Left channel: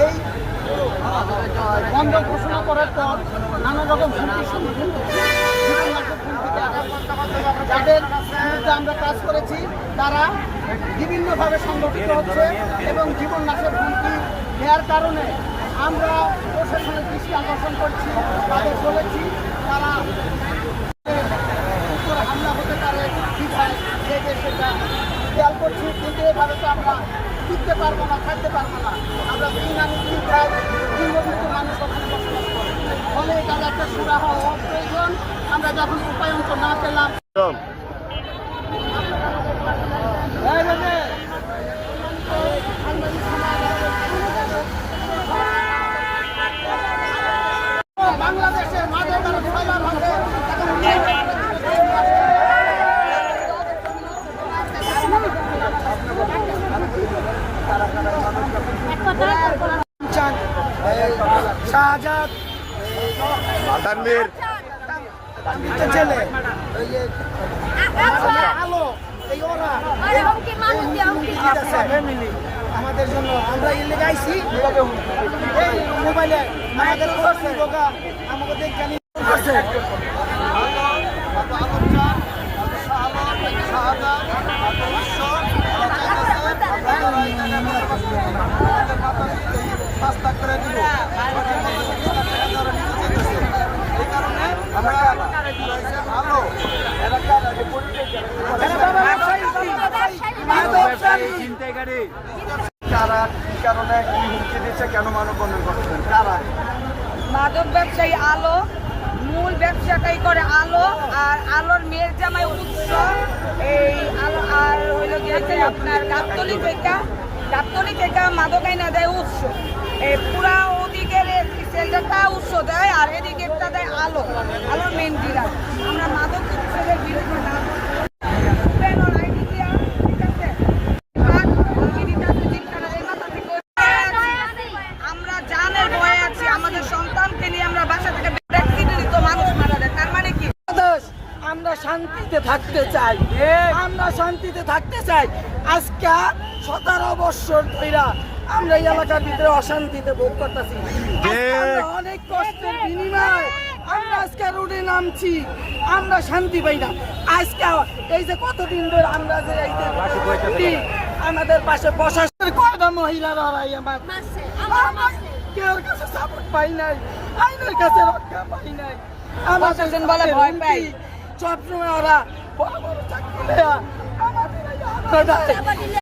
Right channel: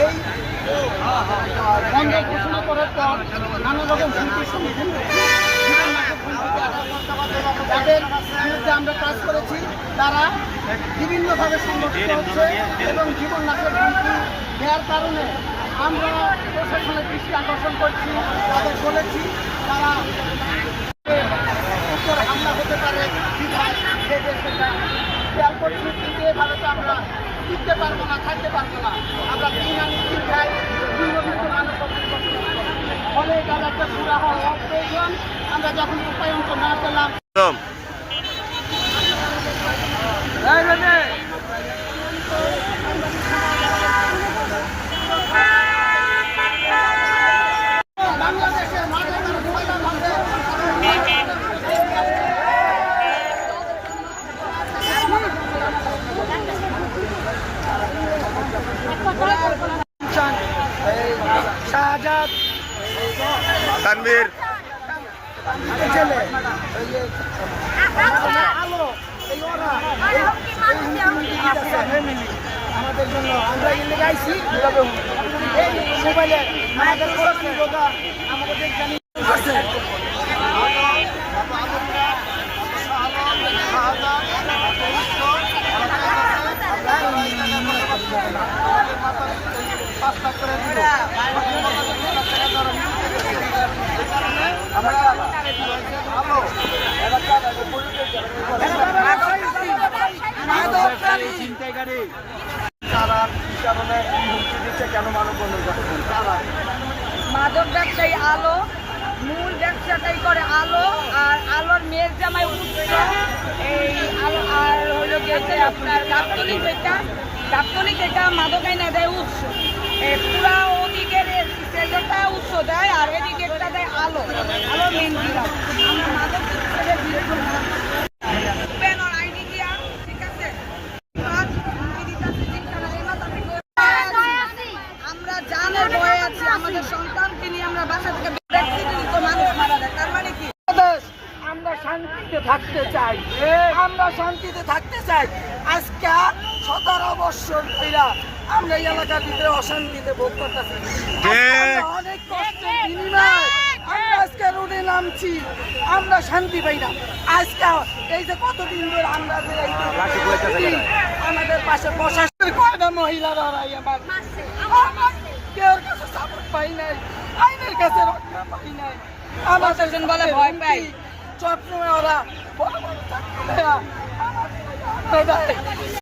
এই বন্ধ ঘোষণা করার পর নানা রকম হুমকির সম্মুখীন যাদের বিরুদ্ধে আমরা কাজ করেছি তারা বিভিন্নভাবে সংগঠিত হচ্ছে এবং জীবন নাশের হুমকি দেওয়ার কারণে আমরা প্রশাসনের দৃষ্টি আকর্ষণ করছি, তাদের বলেছি তারা হামলা হতে পারে সেটা খেয়াল করছি, কিন্তু এভাবে তো আমরা টিকতে পারবো না, থাকতে পারবো না। আমরা নিম্নবিত্ত মানুষ বসবাস করি, ফলে তার একটা সুরাহা হওয়া প্রয়োজন। আমরা যখন উপায়ন্ত না পেলাম বাংলাদেশের মাঝে শাহজাদ তানভীর আলো এই ওরা আমাদের জন্য আমরা গাইছি মোবাইলে আমাদের আমাদের জানি মাদক ব্যবসায়ী আলো, মূল ব্যবসাটাই করে আলো, আর আলোর মেয়ের জামাই উৎস এই আলো, আর হইল গিয়েছে আপনার গাবতলি যেটা মাদক আইনা দেয় উৎস, পুরা ওদিকের সেন্টারটা উৎস দেয় আর এদিকেরটা দেয় আলো মেন বিরাট। আমরা মাদক উৎসবের বিরুদ্ধে আমরা জানের ভয়ে আছি, আমাদের সন্তানকে নিয়ে আমরা বাসা থেকে ব্যক্তিগত মানুষ মারা যায়। তার মানে কি আমরা শান্তিতে থাকতে চাই, আমরা শান্তিতে থাকতে চাই। আজকে 17 বছর ধরে আমরা এই এলাকার ভিতরে অশান্তিতে ভোগ করতেছি। অনেক কষ্টের বিনিময়ে আমরা আজকে রোডে নামছি, আমরা শান্তি পাই না। আজকে এই যে কতদিন ধরে আমরা যে আমাদের পাশে প্রশাসনের কয়টা মহিলারা আমার কেউ কাছে সাপোর্ট পাই নাই, আইনের কাছে রক্ষা পাই নাই। আমাদের বলে ভয় পাই, সবসময় ওরা বড় বড় চাকরি দেয়া আমাদের